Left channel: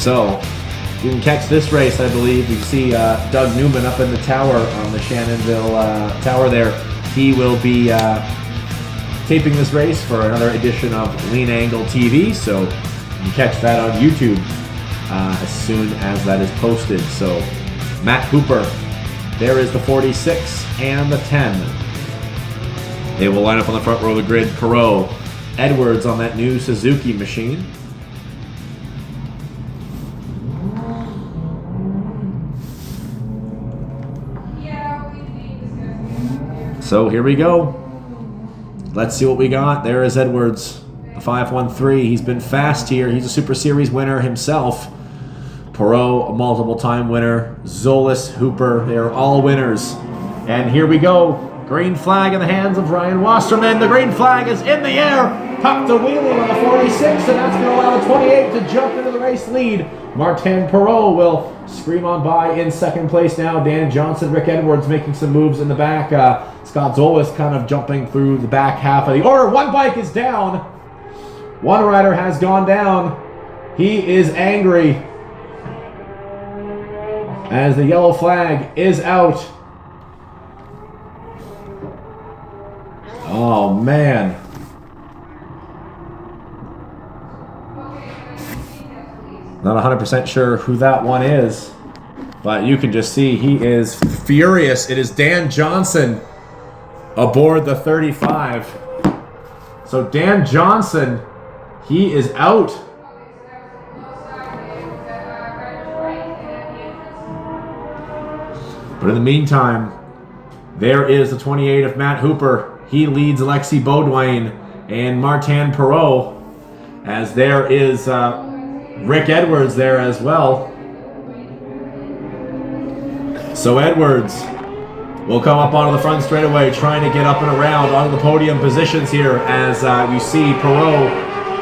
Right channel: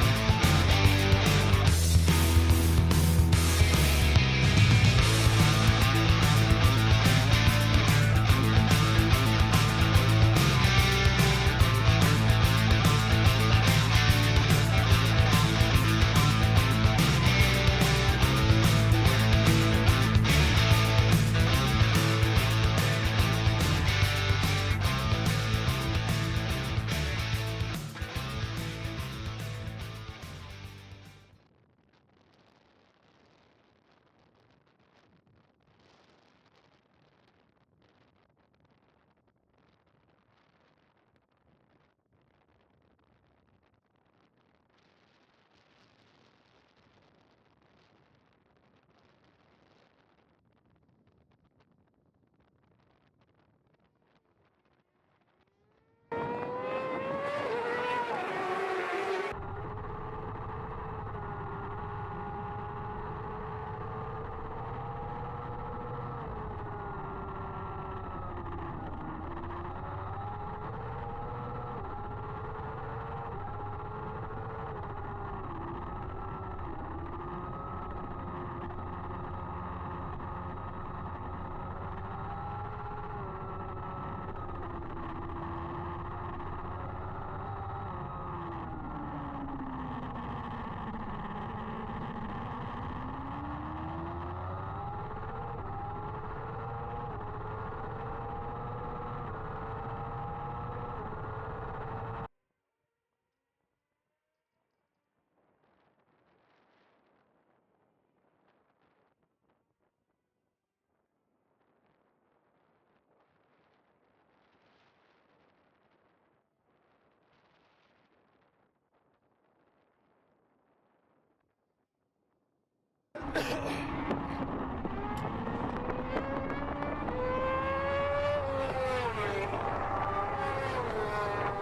So you can catch this race, I believe. You see Doug Newman up in the tower on the Shannonville tower there. He will be taping this race for another edition of Lean Angle TV. So you can catch that on YouTube as soon as that is posted. So Matt Cooper, there is the 46 and the 10. They will line up on the front row of the grid. Perot, Edwards on that new Suzuki machine. So here we go. Let's see what we got. There is Edwards, the 513. He's been fast here. He's a Super Series winner himself. Perot, a multiple-time winner. Zolis, Hooper, they are all winners. And here we go. Green flag in the hands of Ryan Wasserman. The green flag is in the air. Tucked a wheelie on the 46, and that's going to allow the 28 to jump into the race lead. Martin Perot will scream on by in second place now. Dan Johnson, Rick Edwards making some moves in the back. Scott Zolis kind of jumping through the back half of the order. One bike is down. One rider has gone down. He is angry as the yellow flag is out. Oh, man. Not 100% sure who that one is, but you can just see he is furious. It is Dan Johnson aboard the 35. So Dan Johnson, he is out. But in the meantime, there is the 28 of Matt Hooper. He leads Alexi Beaudoin and Martin Perot, as there is Rick Edwards there as well. So Edwards will come up onto the front straightaway, trying to get up and around onto the podium positions here, as you see Perot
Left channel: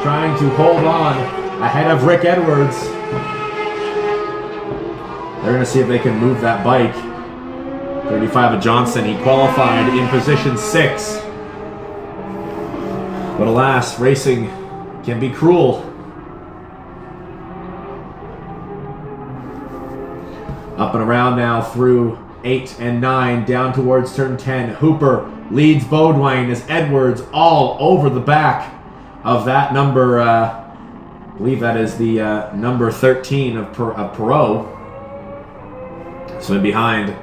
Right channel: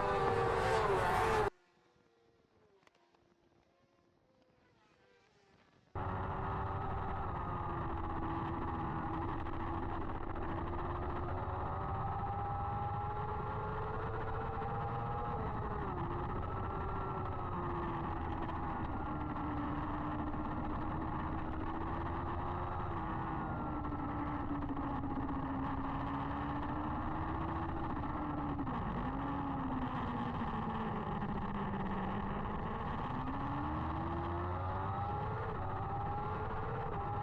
trying to hold on ahead of Rick Edwards. They're going to see if they can move that bike. 35 of Johnson, he qualified in position 6. But alas, racing can be cruel. Up and around now through 8 and 9, down towards turn 10. Hooper leads Beaudoin as Edwards all over the back of that number, I believe that is the number 13 of Perot. So in behind,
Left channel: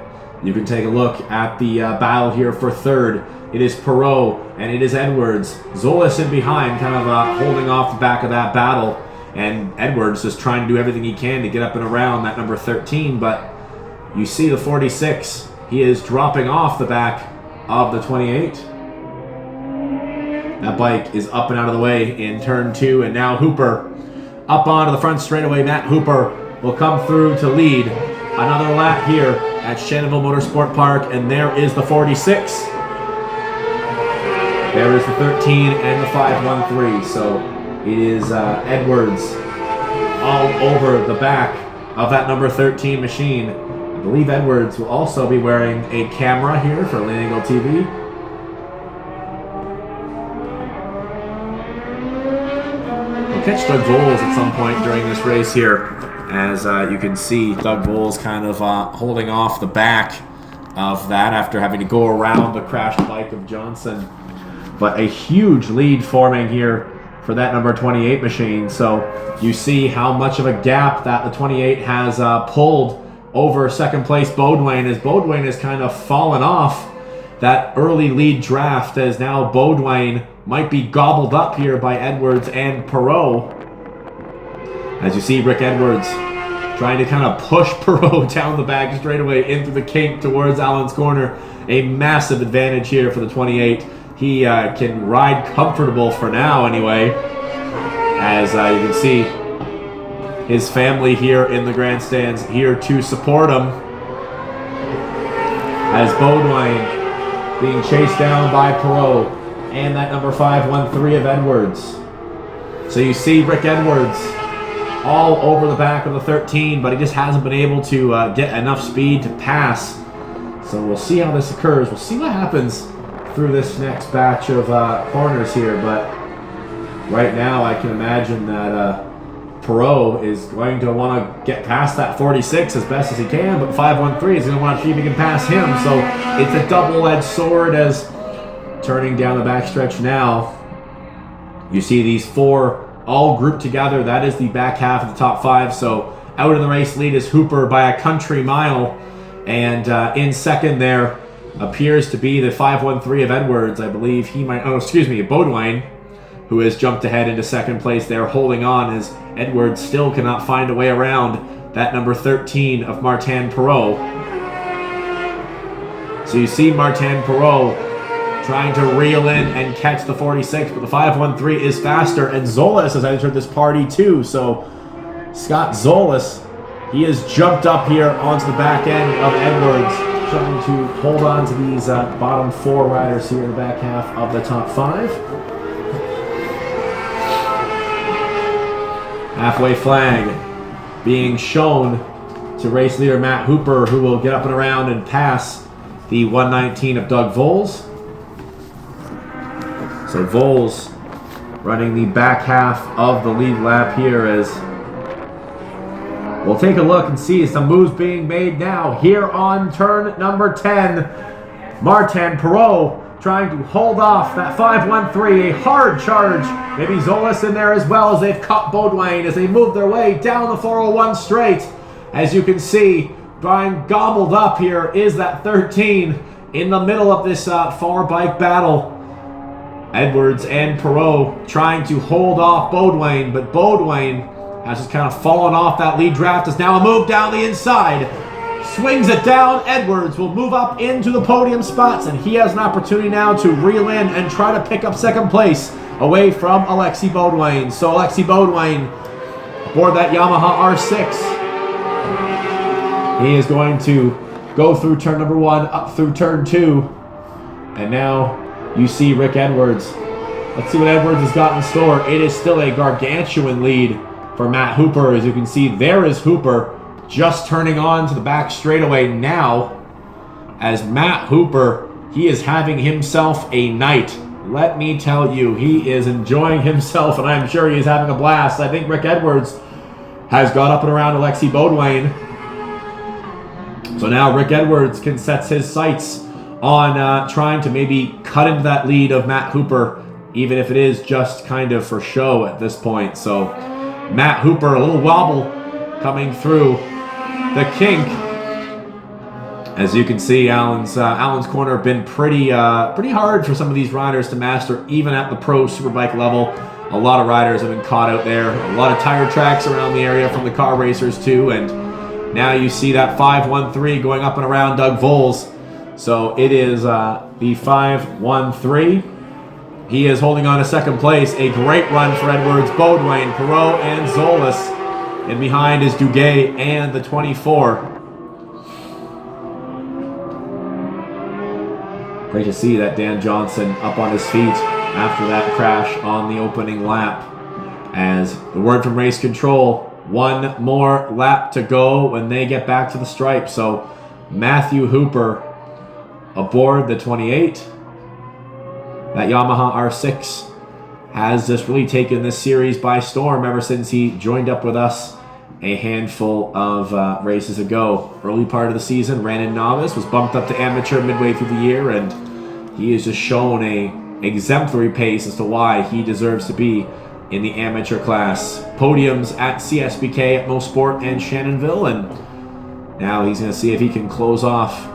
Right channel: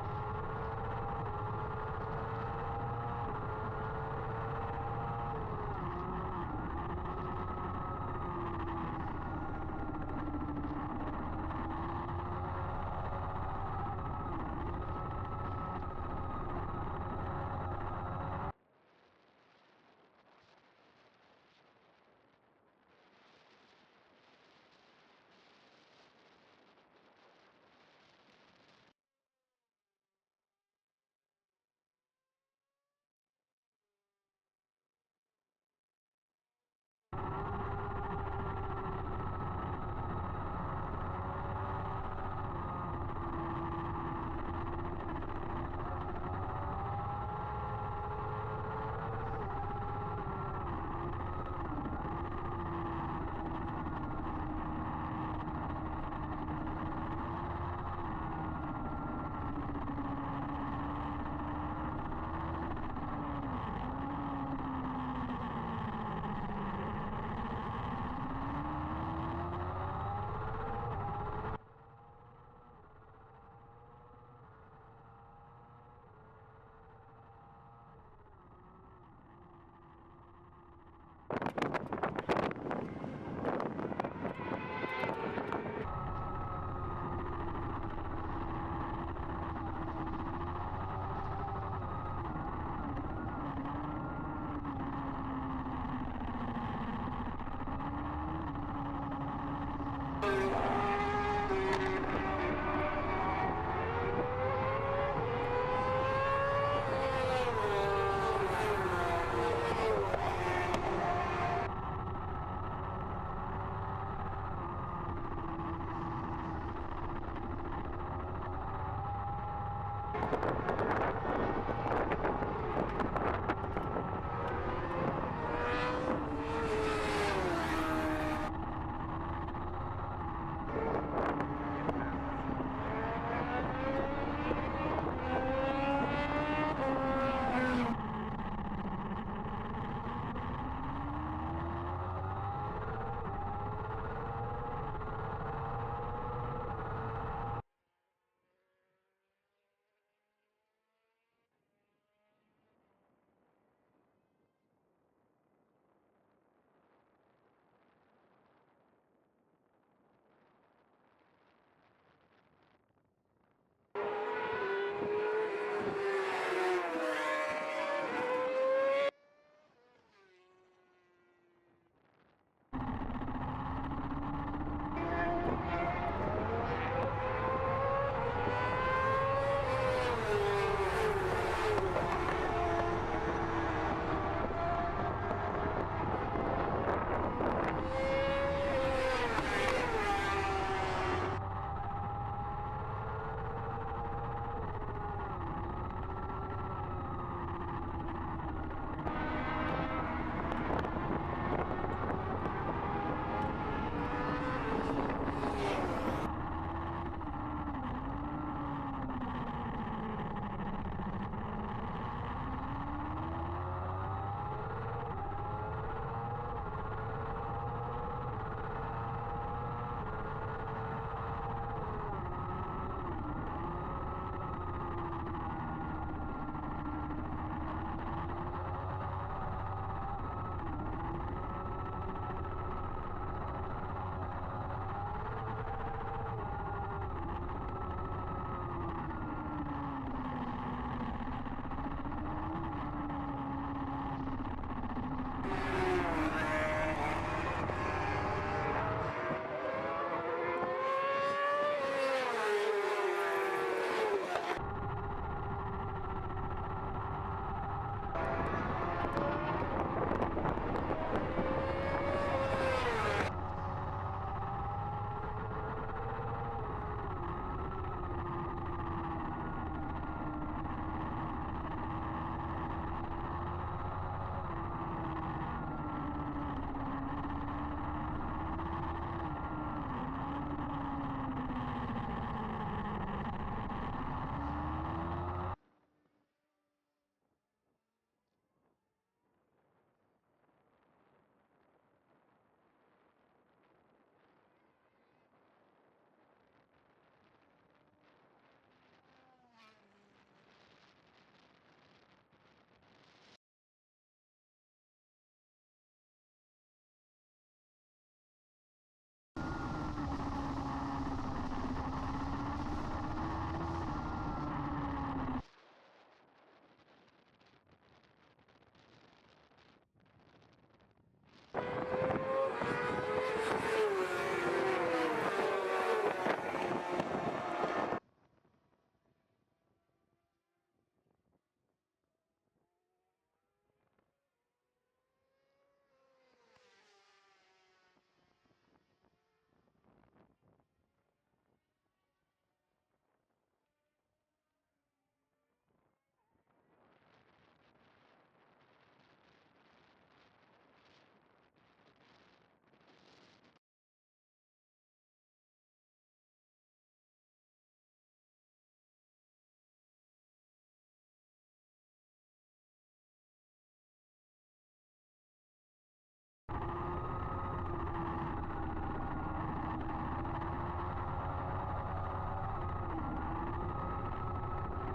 you can take a look at the battle here for third. It is Perot and it is Edwards. Zolis in behind, kind of holding off the back of that battle. And Edwards just trying to do everything he can to get up and around that number 13. But you see the 46. He is dropping off the back of the 28. That bike is up and out of the way in turn 2. And now Hooper up onto the front straightaway. Matt Hooper will come through to lead another lap here at Shannonville Motorsport Park. And there is the 46. There is the 13 and the 513. So it is Edwards all over the back of that number 13 machine. I believe Edwards will also be wearing a camera here for Lean Angle TV. We'll catch Doug Voles at some point during this race here, as you can see Doug Voles kind of holding off the back of that after having to go around the crashed bike of Johnson. But a huge lead forming here for that number 28 machine. So you see how much of a gap that the 28 has pulled over second place Beaudoin, as Beaudoin has kind of fallen off that early lead draft, as now Beaudoin might be gobbled up here by Edwards and Perot. As you see Rick Edwards trying to kind of push Perot down the back straightaway into the kink towards Allen's corner. A massive advantage here for the 28. He can ride comfortable for now anyway, as you can see his family here in the grandstands here to support him, as Beaudoin being chased down by Perot and that number 513 of Edwards. So you see Rick Edwards all over the back of the 13, but he just hasn't been able to get enough speed to pass. So we'll see how this occurs. We'll see what happens through this next batch of corners here, but right now I can imagine that Peireira is going to want to get past that 46 as best as he can, but 513 is going to want to see if he can pass him. So it's a double-edged sword as turning down the backstretch now. You see these four all grouped together. That is the back half of the top five. So out in the race lead is Hooper by a country mile. And in second there appears to be the 513 of Edwards. I believe he might, Baudouin, who has jumped ahead into second place there, holding on as Edwards still cannot find a way around that number 13 of Martin Peireira. So you see Martin Peireira trying to reel in and catch the 46, but the 513 is faster, and Zolas has entered this party too. So Scott Zolas, he has jumped up here onto the back end of Edwards, trying to hold on to these bottom four riders here in the back half of the top five. Halfway flag being shown to race leader Matt Hooper, who will get up and around and pass the 119 of Doug Voles. So Voles running the back half of the lead lap here as we'll take a look and see some moves being made now. Here on turn number 10, Martin Peireira trying to hold off that 513, a hard charge. Maybe Zolas in there as well as they've caught Baudouin as they move their way down the 401 straight. As you can see, Brian gobbled up here is that 13 in the middle of this far bike battle. Edwards and Peireira trying to hold off Baudouin, but Baudouin has just kind of fallen off that lead draft. Is now a move down the inside. Swings it down. Edwards will move up into the podium spots, and he has an opportunity now to reel in and try to pick up second place away from Alexis Baudouin. So Alexis Baudouin aboard that Yamaha R6. He is going to go through turn number 1, up through turn 2, and now you see Rick Edwards. Let's see what Edwards has got in store. It is still a gargantuan lead for Matt Hooper. As you can see, there is Hooper just turning on to the back straightaway now. As Matt Hooper, he is having himself a night. Let me tell you, he is enjoying himself, and I'm sure he's having a blast. I think Rick Edwards has got up and around Alexis Baudouin. So now Rick Edwards can set his sights on trying to maybe cut into that lead of Matt Hooper, even if it is just kind of for show at this point. So Matt Hooper, a little wobble coming through the kink. As you can see, Alan's corner been pretty hard for some of these riders to master, even at the pro superbike level. A lot of riders have been caught out there. A lot of tire tracks around the area from the car racers too, and now you see that 513 going up and around Doug Voles. So it is the 513. He is holding on to second place. A great run for Edwards, Baudouin, Peireira, and Zolas. And behind is Duguay and the 24. Great to see that Dan Johnson up on his feet after that crash on the opening lap. As the word from race control, one more lap to go when they get back to the stripe. So Matthew Hooper aboard the 28. That Yamaha R6 has just really taken this series by storm ever since he joined up with us a handful of races ago. Early part of the season, ran in novice, was bumped up to amateur midway through the year, and he has just shown a exemplary pace as to why he deserves to be in the amateur class. Podiums at CSBK, at Motorsports, and Shannonville, and now he's going to see if he can close off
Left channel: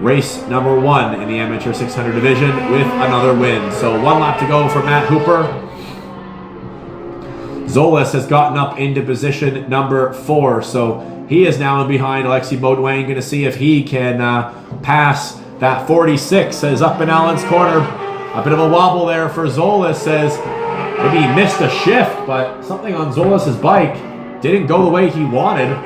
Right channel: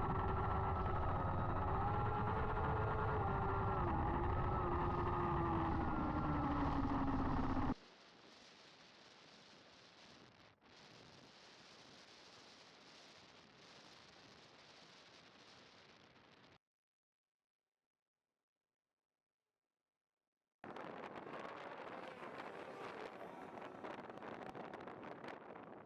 race number 1 in the amateur 600 division with another win. So one lap to go for Matt Hooper. Zolas has gotten up into position number 4, so he is now behind Alexis Baudouin. Going to see if he can pass that 46. As up in Alan's corner, a bit of a wobble there for Zolas. Says maybe he missed a shift, but something on Zolas's bike didn't go the way he wanted.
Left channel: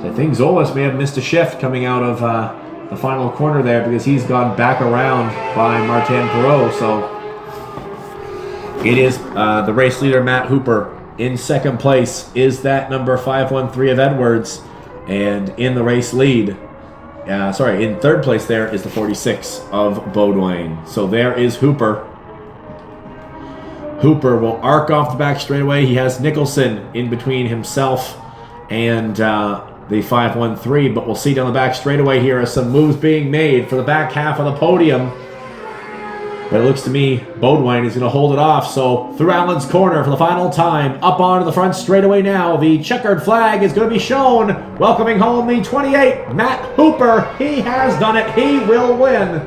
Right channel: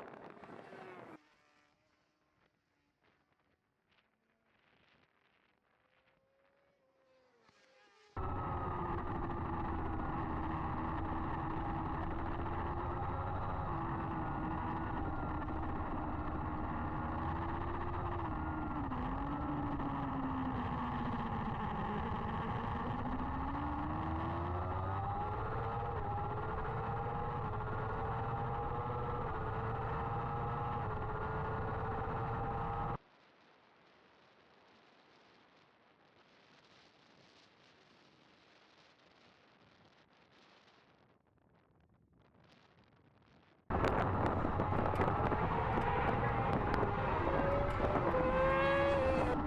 So I think Zolas may have missed a shift coming out of the final corner there, because he's gone back around by Martin Peireira. So it is the race leader Matt Hooper. In second place is that number 513 of Edwards, and in the race lead, in third place there is the 46 of Baudouin. So there is Hooper Hooper will arc off the back straightaway. He has Nicholson in between himself and the 513, but we'll see down the back straightaway here as some moves being made for the back half of the podium. But it looks to me Bodwine is going to hold it off. So through Allen's corner for the final time, up onto the front straightaway now. The checkered flag is going to be shown, welcoming home the 28, Matt Hooper. He has done it. He will win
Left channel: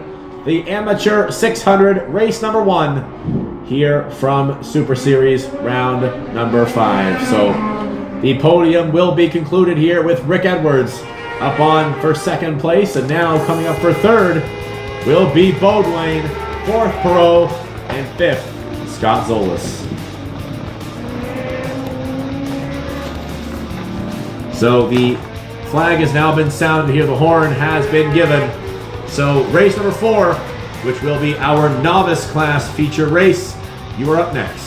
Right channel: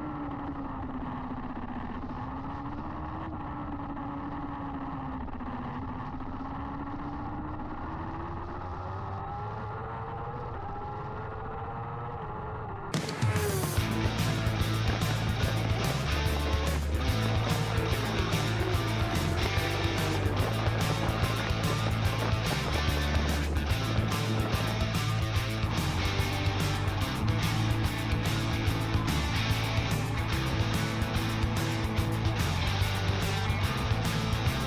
the Amateur 600 race number 1 here from Super Series round number 5. So the podium will be concluded here with Rick Edwards up on for second place, and now coming up for third will be Bodwine, fourth Perot, and fifth Scott Zolas. So the flag has now been sounded here. The horn has been given. So race number 4, which will be our novice class feature race, you are up next.